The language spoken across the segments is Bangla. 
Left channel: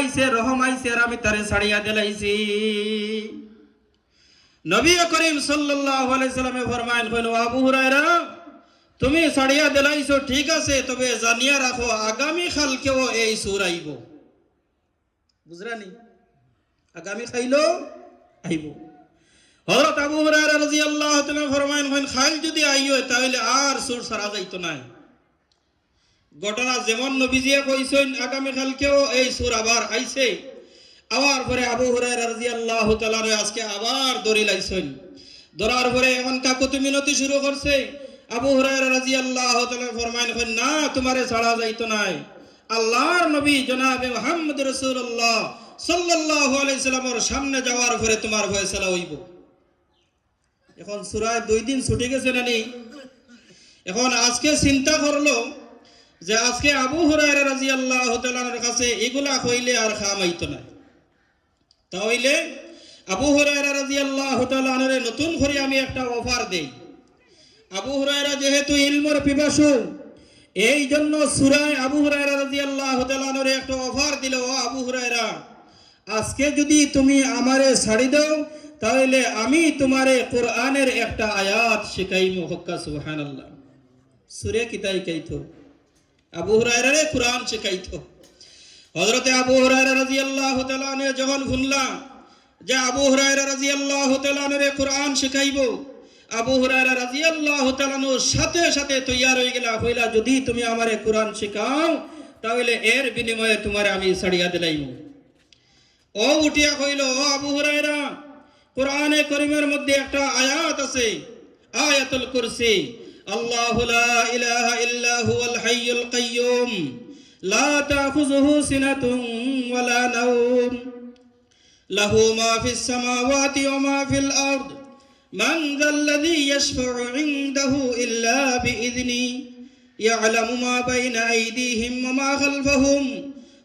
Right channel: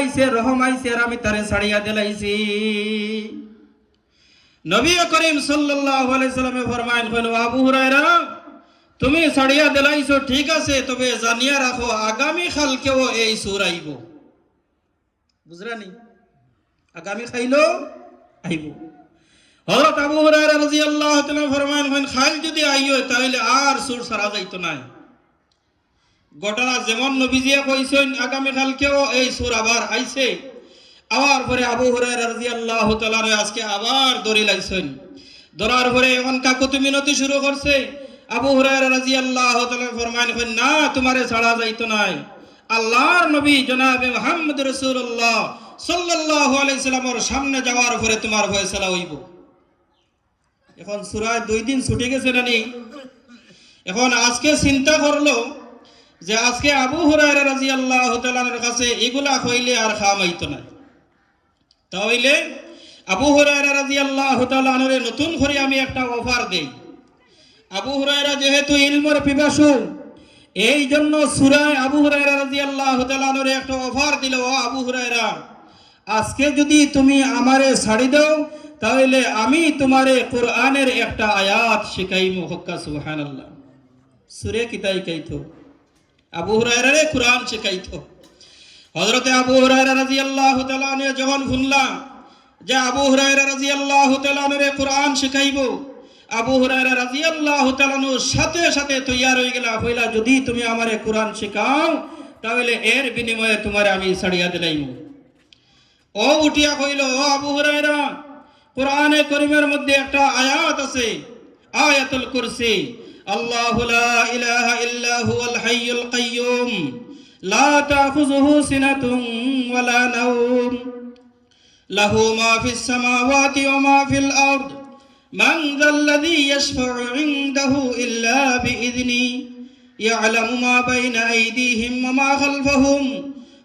আইছে রহম আইছে আর আমি তারে ছাড়িয়া দিলাইছি। নবী করিম সাল্লাল্লাহু আলাইহি সাল্লামে ফরমায়েন কইলো আবু হুরায়রা তুমি ছাড়িয়া দিলাইছো ঠিক আছে, তবে জানিয়া রাখো আগামী কালকেও এই সূরা আইব। বুঝরানি? আগামী খাইলো আইব। হযরত আবু হুরায়রা রাদিয়াল্লাহু তাআলা ফরমায়েন খাল যদি আইও তাহলে আর সূরা ছাড়া যাইতো না। ঘটনা যেমন নবীজিয়া কইছেন আগামী কালকেও এই সূরা আবার আইছে, আবার পরে আবু হুরায়রা রাদিয়াল্লাহু তাআলা আজকে আবার দড়ি লাইছেন। ধরার পরে এমন কাকুতি মিনতি শুরু করছে। আবু হুরায়রা রাদিয়াল্লাহু তাআলা ফরমায়েন না তোমারে ছাড়া যাইতো না। আল্লাহর নবী জনাবে মুহাম্মদ রাসূলুল্লাহ সাল্লাল্লাহু আলাইহি সাল্লামের সামনে যাওয়ার পরে তোমার ফয়সালা হইব। এখন সূরায় 2 দিন ছুটে গেছে না নেই? এখন আজকে চিন্তা করলো যে আজকে আবু হুরায়রা রাদিয়াল্লাহু তাআলার কাছে এগুলা কইলে আর খামাইতো না। তাহলে আবু হুরায়রা রাদিয়াল্লাহু তাআলা নতুন করে আমি একটা অফার দেই। আবু হুরায়রা যেহেতু ইলমের পিপাসু, এই জন্য সূরায় আবু হুরায়রা রাদিয়াল্লাহু তাআলা একটা অফার দিল, ও আবু হুরায়রা আজকে যদি তুমি আমারে ছাড়ি দাও তাহলে আমি তোমারে কোরআনের একটা আয়াত শিখাইমু। হক্কা সুবহানাল্লাহ। সূরা কিতাই কাইতো আবু হুরায়রারে কোরআন শিখাইতো। হযরতে আবু হুরায়রা রাদিয়াল্লাহু তাআলা যখন শুনলাম যে আবু হুরায়রা রাদিয়াল্লাহু তাআলা কোরআন শিখাইবো, আবু হুরায়রা রাদিয়াল্লাহু তাআলা সাথে সাথে তৈয়ার হয়ে গেল, কইলা যদি তুমি আমারে কোরআন শেখাও তাহলে এর বিনিময়ে তোমারে আমি ছাড়িয়া দিলাইম। ও উঠিয়া কইল, ও আবু হুরায়রা কোরআনে কারীমের মধ্যে একটা আয়াত আছে, আয়াতুল কুরসি, আল্লাহু লা ইলাহা ইল্লা হুয়াল হাইয়ুল কাইয়্যুম লা তাখুযুহু সিনাতুন ওয়ালা নাওম লাহু মা ফিস সামাওয়াতি ওয়া মা ফিল আরদ মান যাল্লাযী ইয়াশফা'ু 'ইনদাহু ইল্লা বিইذনি ইয়া'লামু মা বাইনা আইদিহিম ওয়া মা খালফাহুম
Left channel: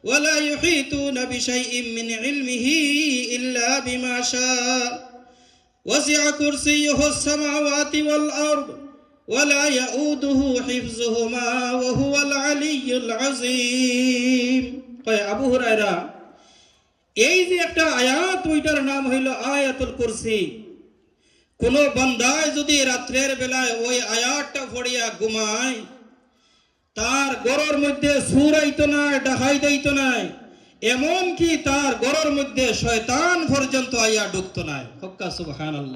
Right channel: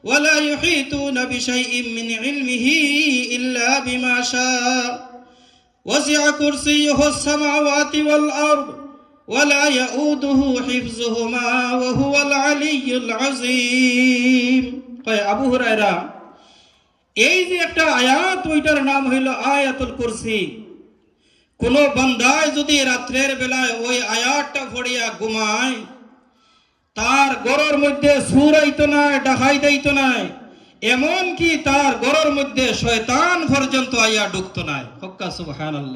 ওয়া লা ইউহীতুনা বিশাইইন মিন 'ইলমিহি ইল্লা বিমা শা'a ওয়াসি'a কুরসিয়্যুহুস সামাওয়াতি ওয়াল আরদ ওয়ালা ইয়াউদুহু হিফযুহুমা ওয়া হুয়াল আলিয়্যুল আযীম। আবু হুরায়রা এই যে একটা আয়াত, ওইটার নাম হইল আয়াতুল কুরসি। কোন বান্দায় যদি রাত্রের বেলায় ওই আয়াতটা পড়িয়া ঘুমায়, তার গরের মধ্যে সুর আইতো না, ডাকাই দিত না, এমন কি তার গরের মধ্যে শয়তান পর্যন্ত আইয়া ঢুকতো না। হক্কা সুবহানাল্লাহ।